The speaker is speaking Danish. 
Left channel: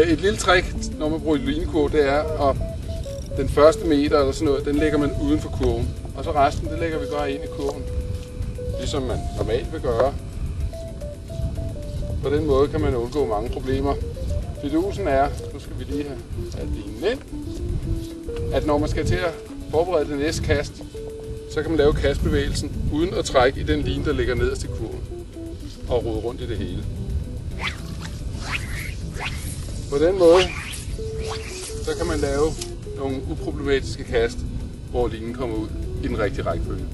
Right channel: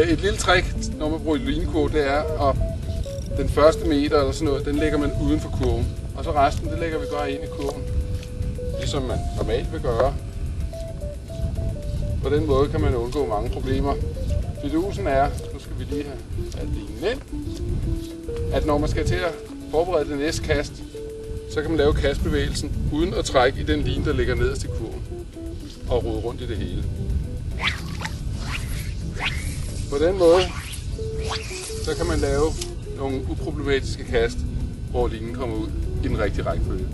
Et lille trick, når man bruger linekurv, det er, at den første meter eller sådan noget, den lægger man uden for kurven. Og så resten, det lægger vi bare ind i kurven, ligesom man normalt vil gøre. På den måde kan man undgå mange problemer. Fidusen er, nu skal vi lige have linen ind, at når man skal til at forberede det næste kast, så kan man lave kastbevægelsen uden at trække i den line, der ligger nederst i kurven og rode rundt i det hele. På den måde, så kan man lave nogle uproblematiske kast, hvor linen kommer ud i den rigtige rækkefølge.